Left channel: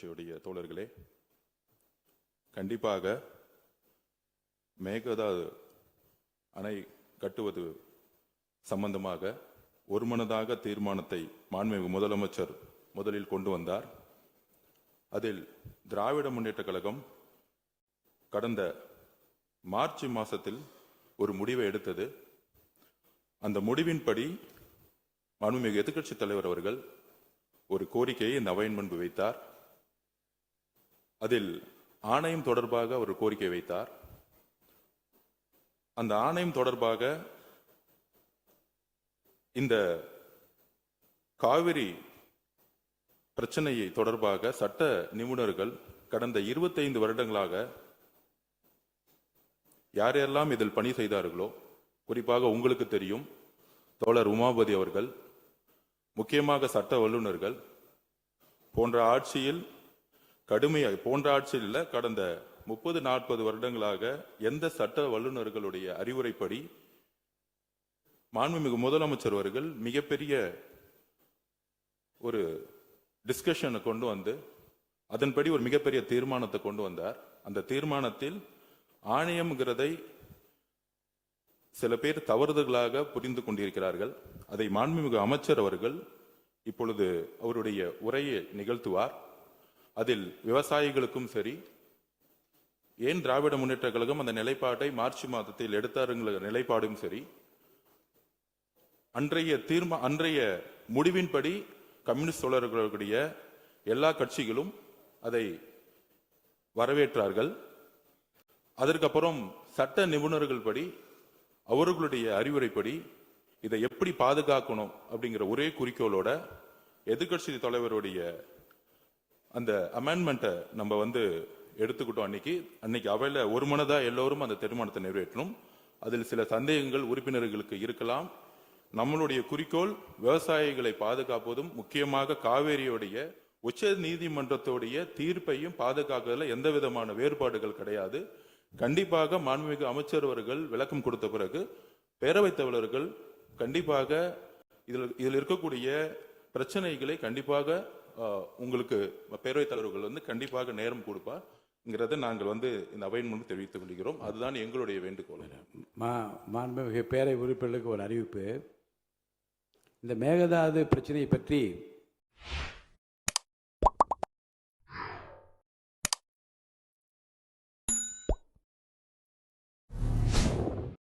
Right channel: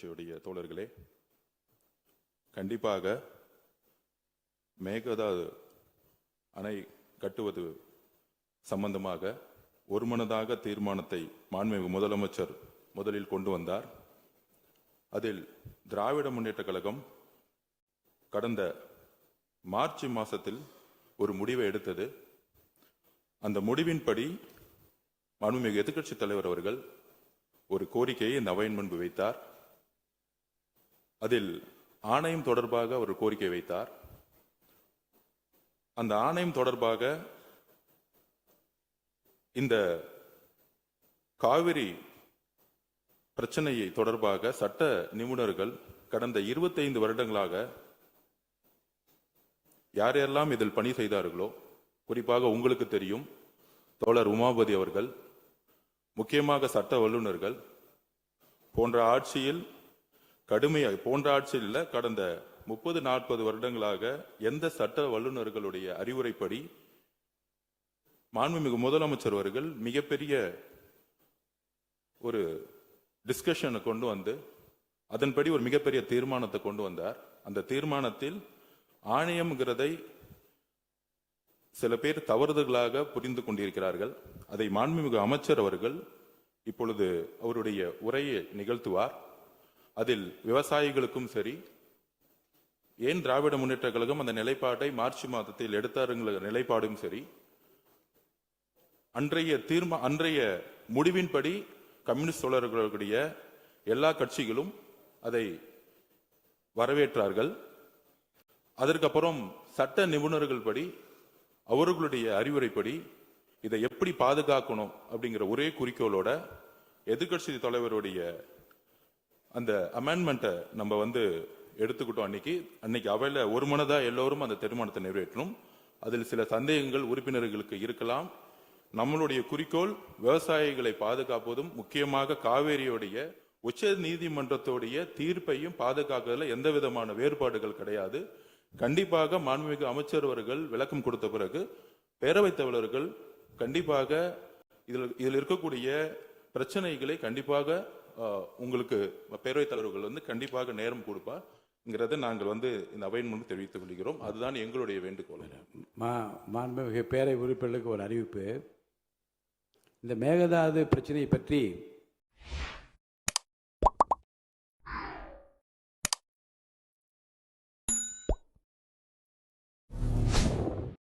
கட்சியுடைய தோழர்களே, கண்டிப்பாக மேகதாது அணை கட்டுவது சம்பந்தமாக ஒருமனதாக தீர்மானத்தை மாண்புமிகு முதலமைச்சர் முதலில் கொண்டு வந்தார். அதில் திராவிட முன்னேற்ற கழகம் கடந்த மார்ச் மாதத்தில் ஒரு முடிவை எடுத்தது. அந்த முடிவின்படி மாண்புமிகு எதிர்க்கட்சித் தலைவர் அவர்கள் ஒரு கோரிக்கையை இந்த அவையின் முன்பு வைத்தார். அதில் ஆணையம் தொடர்பாக ஒரு கோரிக்கை வைத்தார். அந்த ஆணையம் தொடர்பாக இந்த காவிரி பிரச்சனையை தொடர்பாக சட்ட நிபுணர்கள் கடந்த 25 வருடங்களாக யாரெல்லாம் இதில் பணி செய்தார்களோ, குறிப்பாக உங்களுக்கு தெரியும், தோழர் உமாபதி அவர்கள், முக்கியமாக சட்ட வல்லுநர்கள் போன்ற ஆட்சியில் கடந்த 30-40 வருடங்களாக எந்த சட்ட வல்லுநர்களுடைய அறிவுரைப்படி மாண்புமிகு முதலமைச்சர் அவர்கள் மிகப்பெரிய ஒரு டிஸ்கஷனை கொண்டு வந்து அதன்படி ஒரு மிகப்பெரிய தீர்மானத்தை கொண்டு வந்தார். அந்த தீர்மானத்தில் ஆணையம்ங்கிறதை சில பேர் தவறுதலாக புரிந்து கொண்டிருக்கிறார்கள். அதை மாண்புமிகு அமைச்சர் அவர்கள் இப்பொழுது அவருடைய உரையை நிகழ்த்துவார். அதில் விவசாயிகளுக்கும் சரி, ஏன் திராவிட முன்னேற்ற கழகம் அந்த நிலைப்பாட்டை மார்ச் மாதத்தில் எடுத்தாருங்கிற நிலைப்பாடும் சரி, அன்றைய முடிவின்படி கம்யூனிஸ்ட் தோழர்களுடைய எல்லா கட்சிகளும் அதை வரவேற்றார்கள். அதற்கப்புறம் சட்ட நிபுணர்கள் படி அவர்களுடைய அறிவுரைப்படி இதை எப்படி பாதுகாக்கணும் அப்படிங்கிற ஒரே குறிக்கோளோட எதிர்க்கட்சி தலைவருடைய அந்த அமெண்ட்மெண்ட்டை நம்ம எடுத்துக்கிட்டோம். அன்னைக்கு அவையில ஒரு மனதா எல்லோரும் அந்த தீர்மானத்தை நிறைவேற்றணும். அதில் சில சந்தேகங்கள் உறுப்பினர்களுக்கு இருக்கலாம். நம்மளுடைய குறிக்கோள் விவசாயிகளை பாதுகாப்பதும், முக்கியமாக காவேரியுடைய உச்ச நீதிமன்றத்துடைய தீர்ப்பையும் பாதுகாக்கிறதுல எந்த விதமான வேறுபாடுகள் கிடையாது. கண்டிப்பாக மாண்புமிகு அமைச்சர் அவர்கள் விளக்கம் கொடுத்த பிறகு பேரவைத் தலைவர்கள் கண்டிப்பாக இதில் இருக்கக்கூடிய பிரச்சனைகளை கண்டிப்பாக உங்களுக்கு பேரவைத் தலைவர்கள் கண்டிப்பாக நேரம் கொடுப்பார் நாங்கள் இந்த அவையின் முன்பு தெரிவித்துக் கொள்கிறோம். அதுதான் எங்களுடைய வேண்டுகோள். மாண்புமிகு பேரவை உறுப்பினர்களுக்கு ஒரு அறிவிப்பு. இந்த மேகதாது பிரச்சனையை பற்றி